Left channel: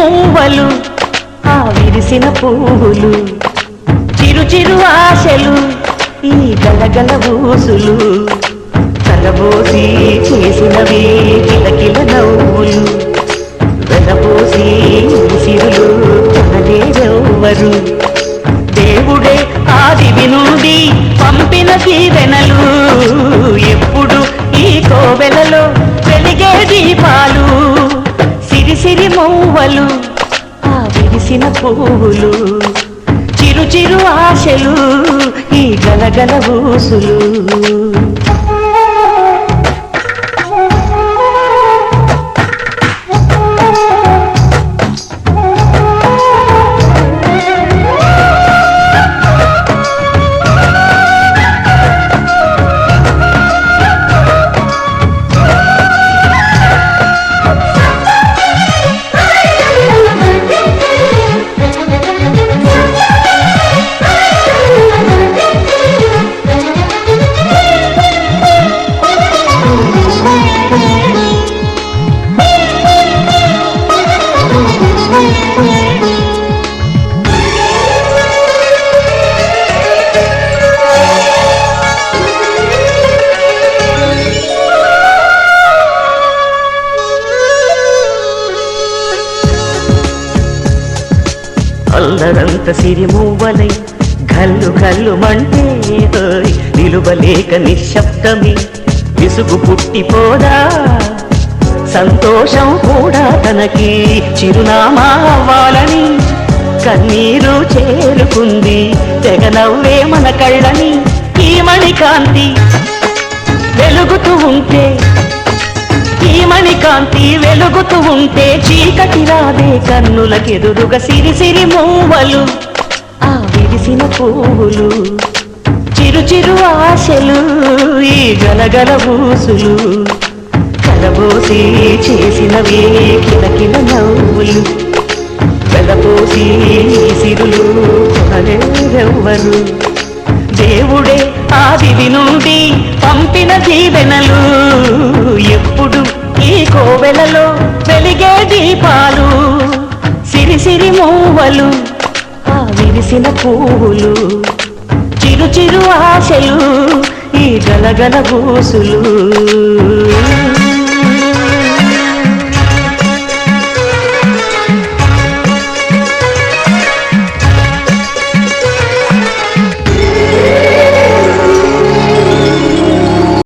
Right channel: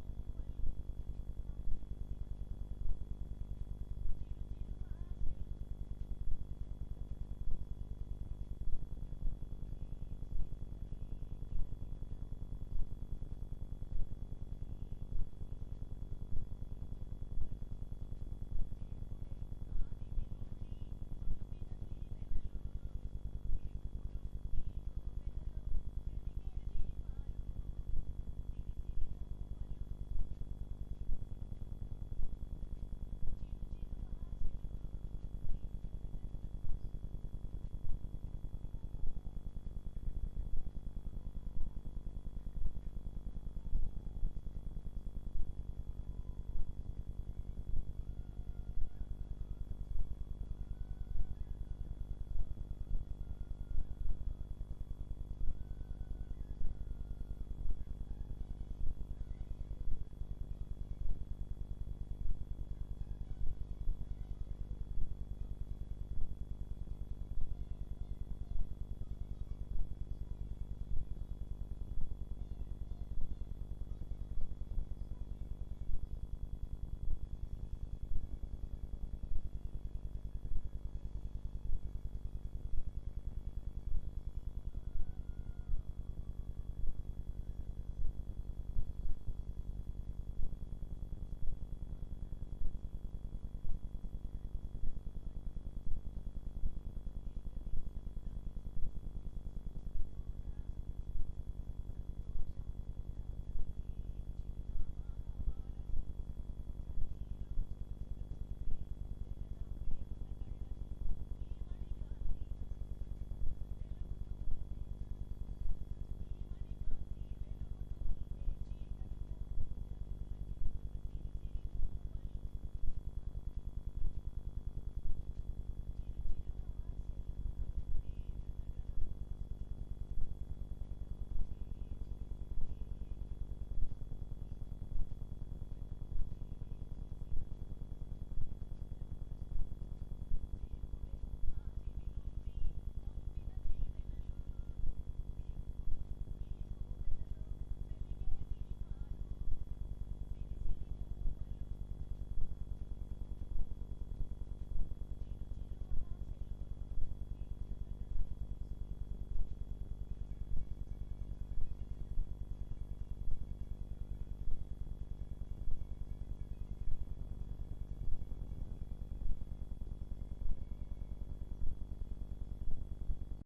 మూవలు ఆ విరిసిన పువ్వులు చిరు చిరు ఆశలు ఈ గలగల ఊసులు కలబోసి చేసినవి కిలకిల నవ్వులు వెలబోసి సిరులు కొనలేరెవ్వరు దేవుడే ఆదివి నుండి పంపిన దీవెనలు ఎప్పుడు ఈ కోవెలలో వెలిగే దీపాలు సిరిసిరి మూవలు ఆ విరిసిన పువ్వులు చిరు చిరు ఆశలు ఈ గలగల ఊసులు అల్లరంత సిరిమూవలై గల్లు గల్లు మంటే నిలువలేక నిశ్శబ్దమి విసుగు పుట్టిపోదా సంతోషం కూడా తనకి చిరునామా అవ్వాలని కన్నీరు చేరుకుంది తెగ నవ్వే మన కళ్ళని ఈ మణికాంతి వెలుగుతూ ఉంటే ఈ మణికాంతి వెలుగుతూ ఉంటే చీకటి రాదే కన్నులకెదురుగా సిరిసిరి మూవలు ఆ విరిసిన పువ్వులు చిరు చిరు ఆశలు ఈ గలగల ఊసులు కలబోసి చేసినవి కిలకిల నవ్వులు వెలబోసి సిరులు కొనలేరెవ్వరు దేవుడే ఆదివి నుండి పంపిన దీవెనలు ఎప్పుడు ఈ కోవెలలో వెలిగే దీపాలు సిరిసిరి మూవలు ఆ విరిసిన పువ్వులు చిరు చిరు ఆశలు ఈ గలగల ఊసులు